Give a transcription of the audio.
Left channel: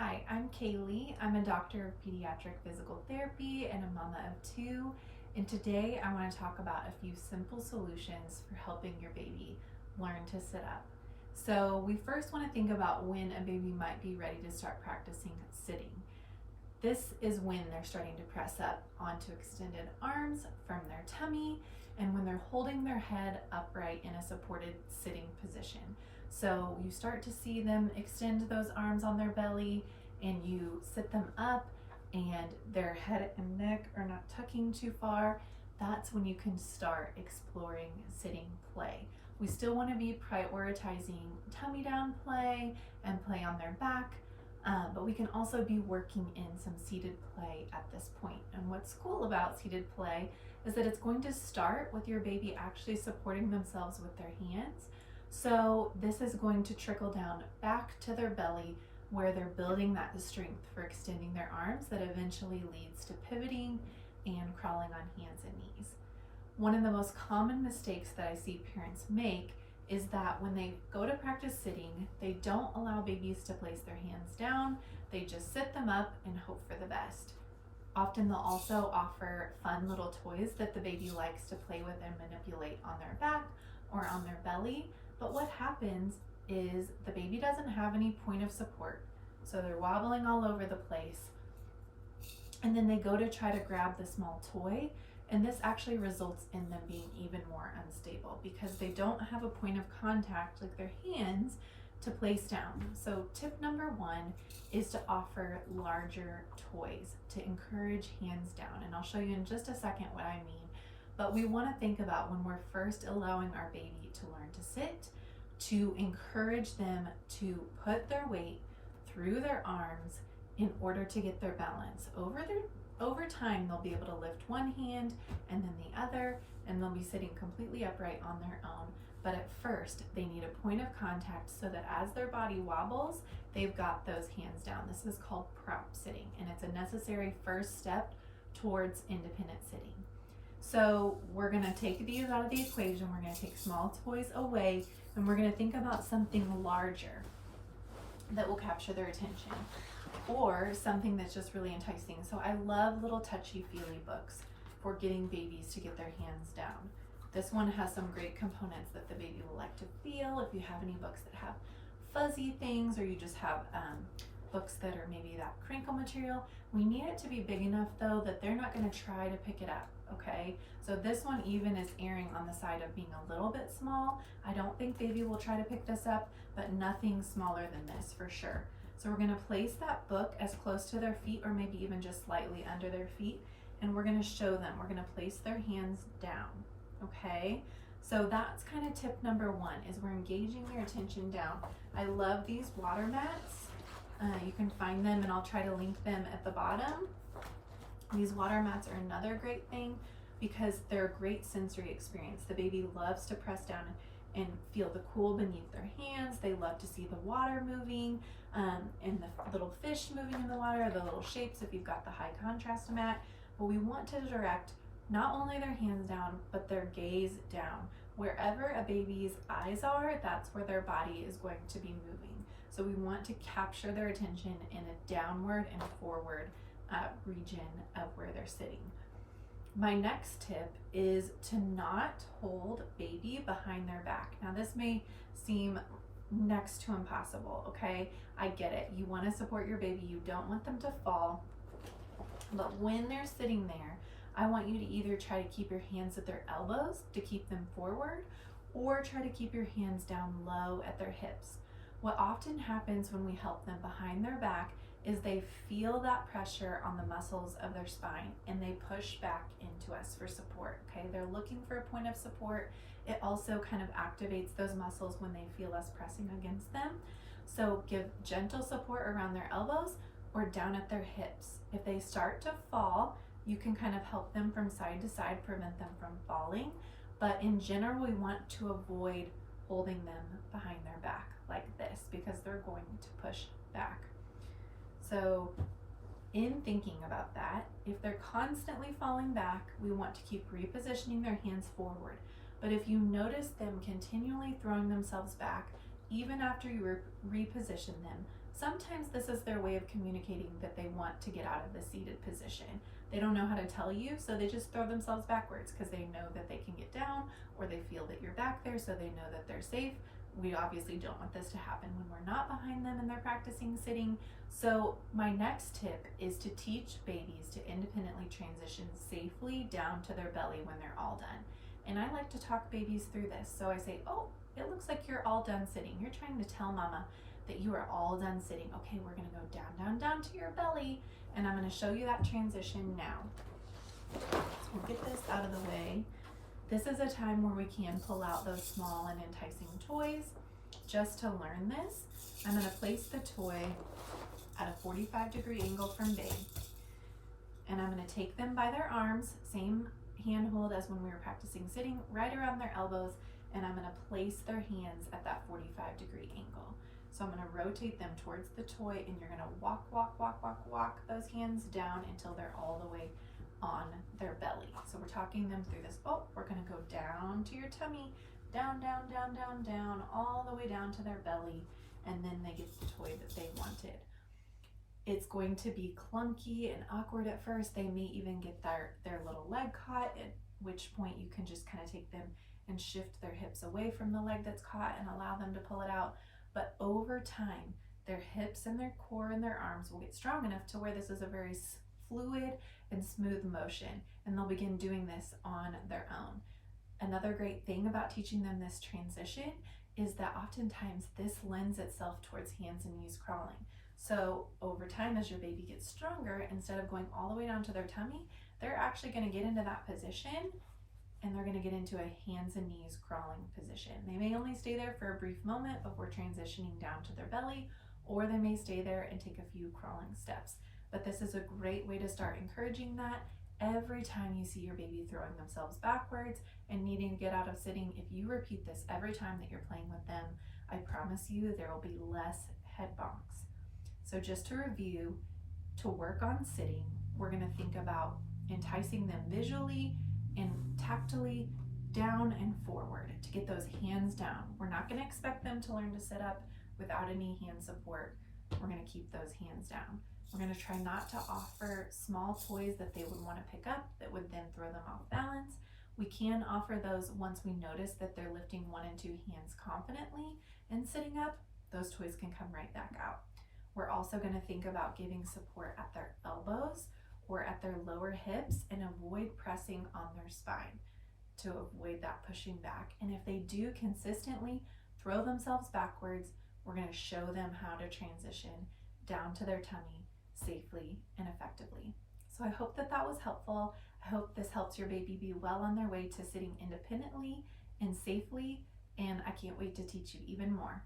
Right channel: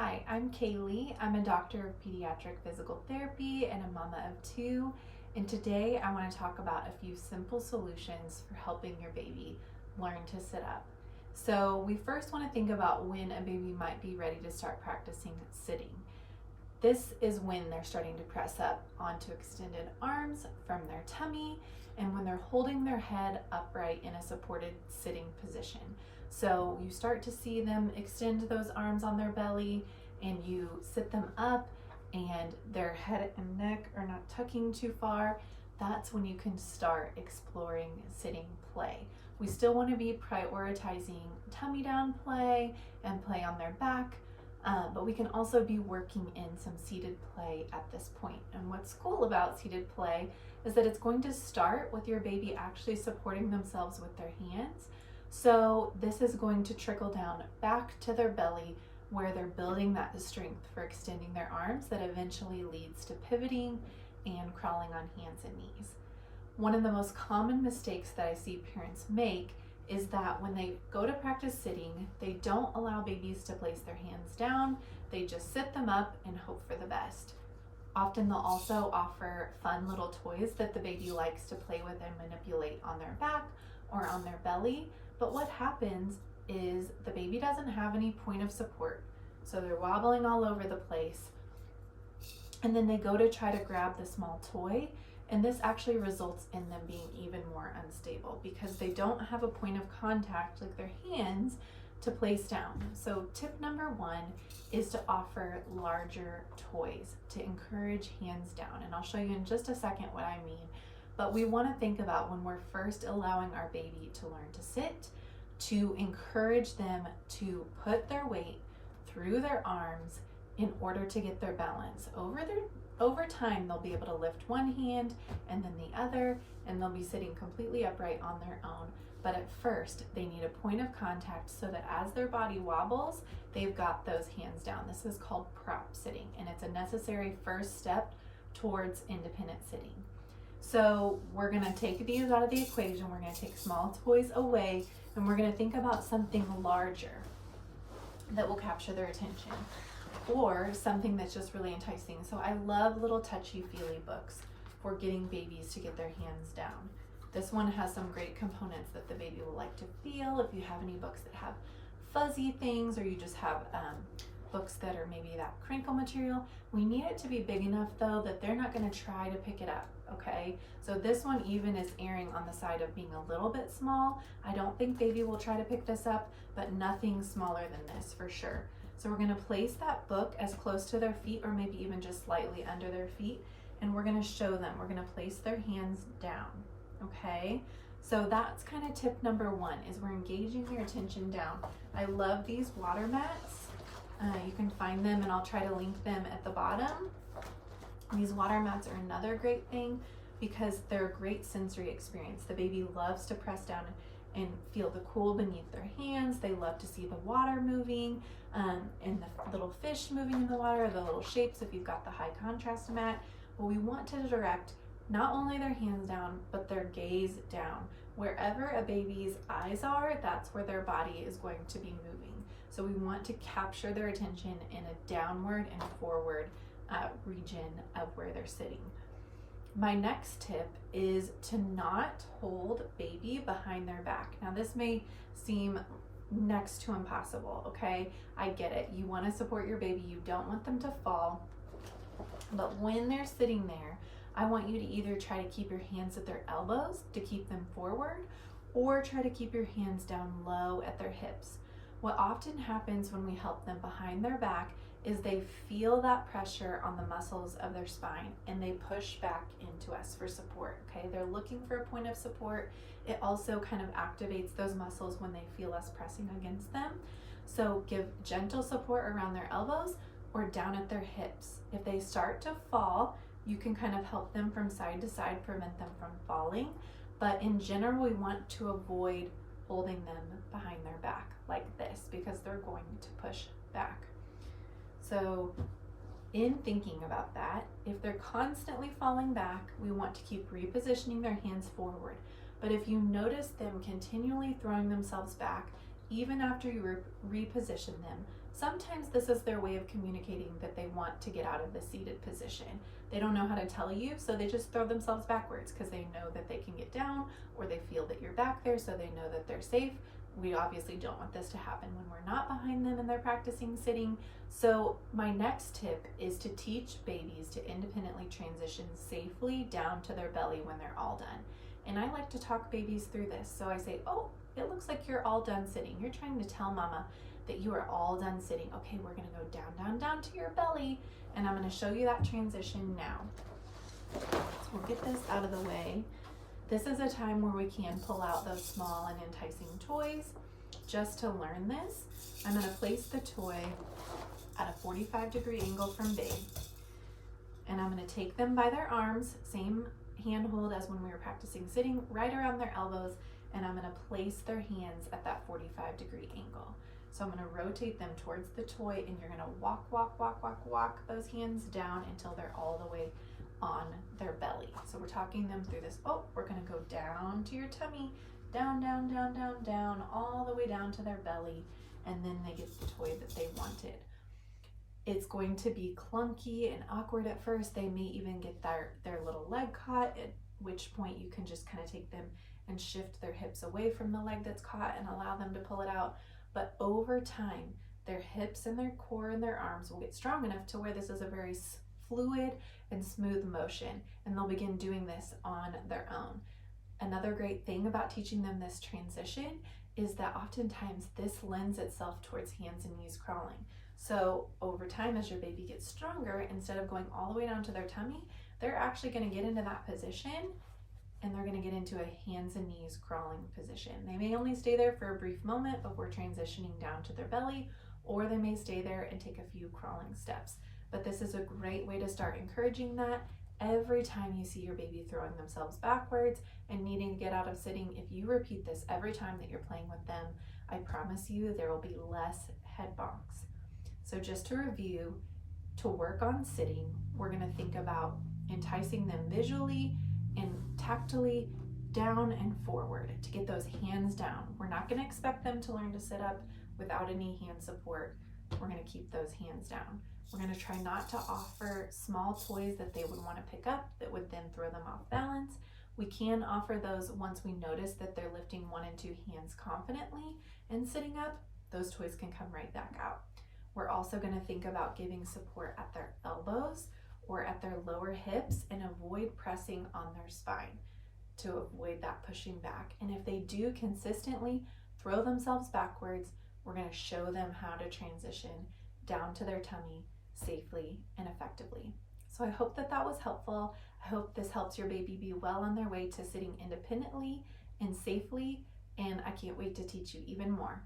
Hi, I'm Kaylee. I'm a doctor of pediatric physical therapy and a mama of two. And today I want to talk about a few simple solutions for helping your baby learn to sit up. So we first want to think about when a baby might be ready to start practicing sitting. This is when they're starting to press up onto extended arms from their tummy and when they're holding their head upright in a supported sitting position. So you start to see them extend those arms on their belly and you sit them up and their head and neck are not tucking too far. That's when you can start exploring sitting play. We still want to be prioritizing tummy down play and play on their back, but we can also be working in some seated play at this point. And what's cool about seated play is that it's going to start with your baby actually supporting themselves with their hands. So this is going to trickle down back to their belly where they're building that strength for extending their arms that eventually leads to pivoting and crawling on hands and knees. One of the most common mistakes that I see parents make is that when they go to practice sitting, they don't allow babies to place their hands down. They just sit them up and hope for the best. Often they'll also offer fun little toys that the baby likes to play with and manipulate on their back or on their belly. But what happens is the baby doesn't have any point of support. So they're wobbling all over the place. And then they go to try to grab the small toy. And this actually results in them being even more unstable because they don't have a point of contact like their hands to place down. So tip number one is to offer larger toys to encourage hands down. And I'll show you in just a second what I mean. But we want to think about when we're first allowing our baby to learn to sit, to encourage them to put their weight through their arms in order to get their balance. Over time, they'll be able to lift one hand and then the other, and they'll be sitting completely upright on their own. But at first, they need a point of contact so that as their body wobbles, they've got those hands down. This is called prop sitting, and it's a necessary first step towards independent sitting. So we're gonna take these out of the equation. We're gonna take small toys away, and we're gonna think about something larger that will capture their attention, or something that's just really enticing. So I love little touchy-feely books for getting babies to get their hands down. This one has some great components that the baby will like to feel. If you have any books that have fuzzy things, or you just have books that are maybe that crinkle material, we need it to be big enough though that they're not going to try to pick it up, okay? So this one even is erring on the side of being a little bit small. I don't think baby will try to pick this up, but nothing smaller than this for sure. So we're going to place that book as close to their feet or maybe even just slightly under their feet, and we're going to show them. We're going to place their hands down, okay? So that's kind of tip number one, is we're engaging their attention down. I love these water mats. You can find them, and I'll try to link them at the bottom. These water mats are another great thing because they're a great sensory experience. The baby loves to press down and feel the cool beneath their hands. They love to see the water moving and the little fish moving in the water, the little shapes if you've got the high contrast mat. But we want to direct not only their hands down, but their gaze down. Wherever a baby's eyes are, that's where their body is going to be moving. So we want to capture their attention in a downward and forward region of where they're sitting. My next tip is to not hold baby behind their back. Now this may seem next to impossible, okay? I get it. You want to support your baby. You don't want them to fall. But when they're sitting there, I want you to either try to keep your hands at their elbows to keep them forward, or try to keep your hands down low at their hips. What often happens when we help them behind their back is they feel that pressure on the muscles of their spine and they push back into us for support, okay? They're looking for a point of support. It also kind of activates those muscles when they feel us pressing against them. So give gentle support around their elbows or down at their hips. If they start to fall, you can kind of help them from side to side, prevent them from falling. But in general, we want to avoid holding them behind their back like this because they're going to push back. So in thinking about that, if they're constantly falling back, we want to keep repositioning their hands forward. But if you notice them continually throwing themselves back, even after you reposition them, Sometimes this is their way of communicating that they want to get out of the seated position. They don't know how to tell you, so they just throw themselves backwards because they know that they can get down, or they feel that you're back there, so they know that they're safe. We obviously don't want this to happen when we're not behind them and they're practicing sitting. So my next tip is to teach babies to independently transition safely down to their belly when they're all done. And I like to talk babies through this. So I say, oh, it looks like you're all done sitting. You're trying to tell mama that you are all done sitting. Okay, we're gonna go down, down, down to your belly, and I'm gonna show you that transition now. So we'll get this out of the way. This is a time where we can pull out those small and enticing toys. Just to learn this, I'm gonna place the toy at a 45-degree angle from babe. And I'm gonna take them by their arms, same handhold as when we were practicing sitting, right around their elbows, and I'm gonna place their hands at that 45-degree angle. So I'm gonna rotate them towards the toy, and you're gonna walk, walk, walk, walk, walk those hands down until they're all the way on their belly. So we're talking them through this. Oh, we're gonna go down to your tummy, down, down, down, down, down, all the way down to their belly, and then they get the toy that they wanted. It's going to be clunky and awkward at first. They may even get their little leg caught, at which point you can just kind of take them and shift their hips away from the leg that's caught and allow them to pull it out. But over time, their hips and their core and their arms will get strong enough to where this is a very fluid and smooth motion, and they'll begin doing this on their own. Another great thing about teaching them this transition is that oftentimes this lends itself towards hands and knees crawling. So over time, as your baby gets stronger, instead of going all the way down to their tummy, they're actually going to get into that position, and they're going to get into a hands and knees crawling position. They may only stay there for a brief moment before transitioning down to their belly, or they may stay there and take a few crawling steps. But this is a great way to start encouraging that. Every time you see your baby throwing themselves backwards and needing to get out of sitting, if you repeat this every time that you're playing with them, I promise you there will be less head bonks. So just to review, to work on sitting, we're going to think about enticing them visually and tactily down and forward to get those hands down. We're not going to expect them to learn to sit up without any hand support. We're going to keep those hands down. We're going to try not to offer small toys that they would want to pick up that would then throw them off balance. We can offer those once we notice that they're lifting 1 and 2 hands confidently and sitting up. Those toys can come right back out. We're also going to think about giving support at their elbows or at their lower hips and avoid pressing on their spine to avoid that pushing back. And if they do consistently throw themselves backwards, we're going to show them how to transition down to their tummy safely and effectively. So I hope that was helpful. I hope this helps your baby be well on their way to sitting independently and safely, and I can't wait to teach you even more.